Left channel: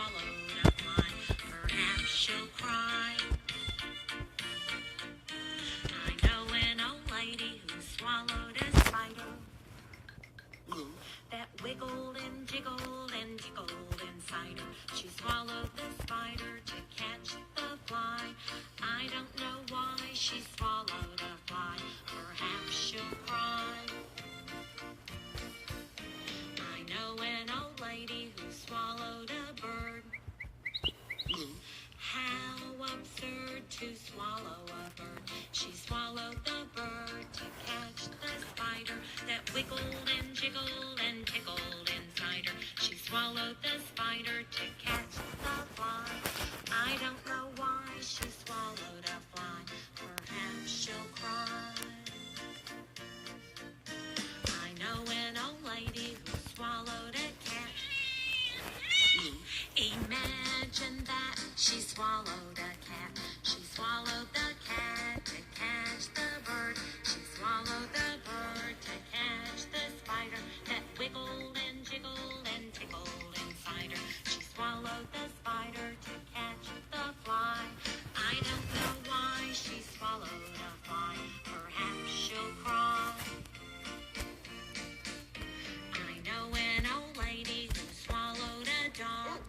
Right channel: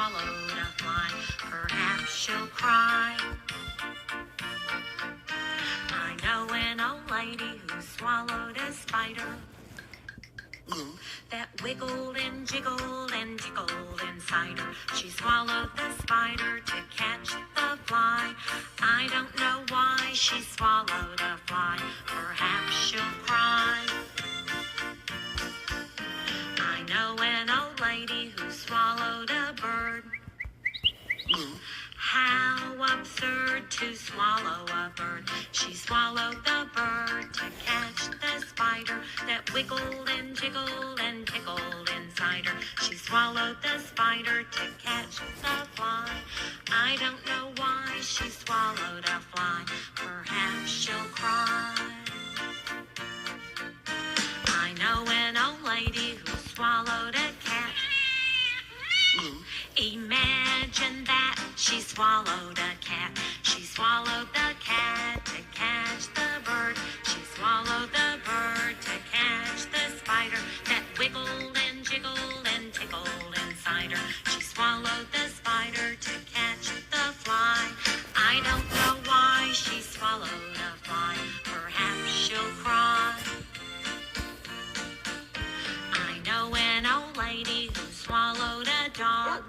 swallowed a fly. Perhaps she'll cry. I know an old lady who swallowed a spider that wiggled and jiggled and tickled inside her. She swallowed the spider to catch the fly. I don't know why she swallowed a fly. Perhaps she'll cry. I know an old lady who swallowed a bird. How absurd to swallow a bird. She swallowed the bird to catch the spider that wiggled and jiggled and tickled inside her. She swallowed the spider to catch the fly. I don't know why she swallowed a fly. Perhaps she'll cry. I know an old lady who swallowed a cat. Imagine that, she swallowed a cat. She swallowed the cat to catch the bird. She swallowed the bird to catch the spider that wiggled and jiggled and tickled inside her. She swallowed the spider to catch the fly. I don't know why she swallowed a fly. Perhaps she'll cry. I know an old lady who swallowed a dog.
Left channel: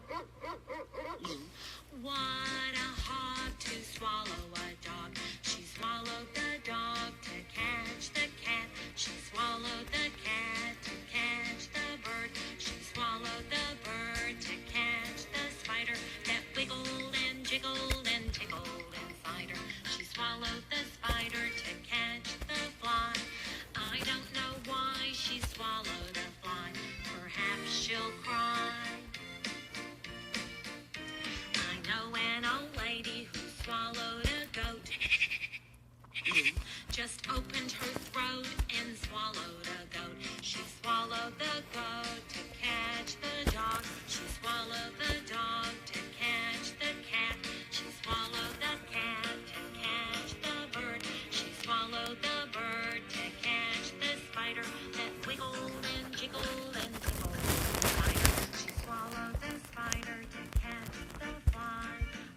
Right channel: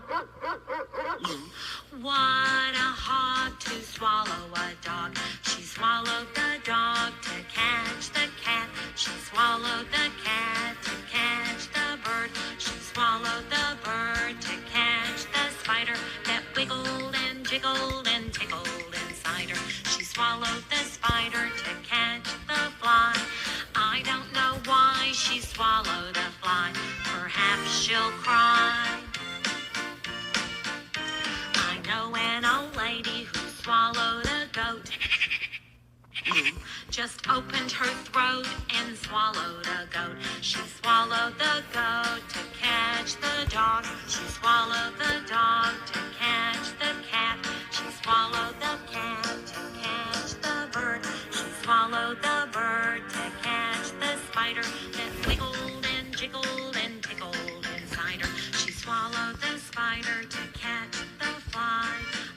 What a hog to swallow a dog. She swallowed the dog to catch the cat. She swallowed the cat to catch the bird. She swallowed the bird to catch the spider that wiggled and jiggled and tickled inside her. She swallowed the spider to catch the fly. I don't know why she swallowed a fly. Perhaps she'll cry. I know an old lady who swallowed a goat. Just opened her throat and swallowed a goat. She swallowed the goat to catch the dog. She swallowed the dog to catch the cat. She swallowed the cat to catch the bird. She swallowed the bird to catch the spider that wiggled and jiggled and tickled inside her. She swallowed the spider to catch the fly.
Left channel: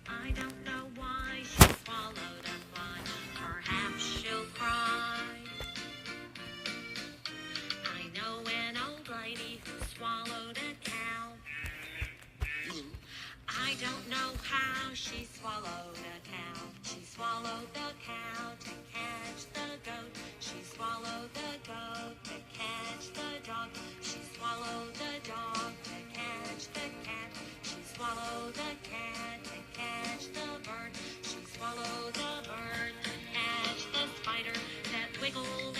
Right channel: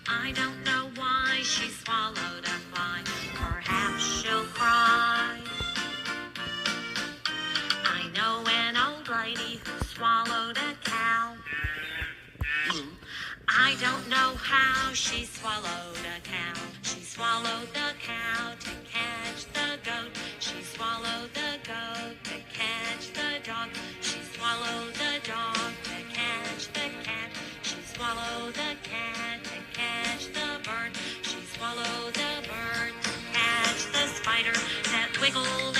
I don't know why she swallowed a fly. Perhaps she'll cry. I know an old lady who swallowed a cow. I don't know how she swallowed a cow. She swallowed the cow to catch the goat. She swallowed the goat to catch the dog. She swallowed the dog to catch the cat. She swallowed the cat to catch the bird. She swallowed the bird to catch the spider that wiggled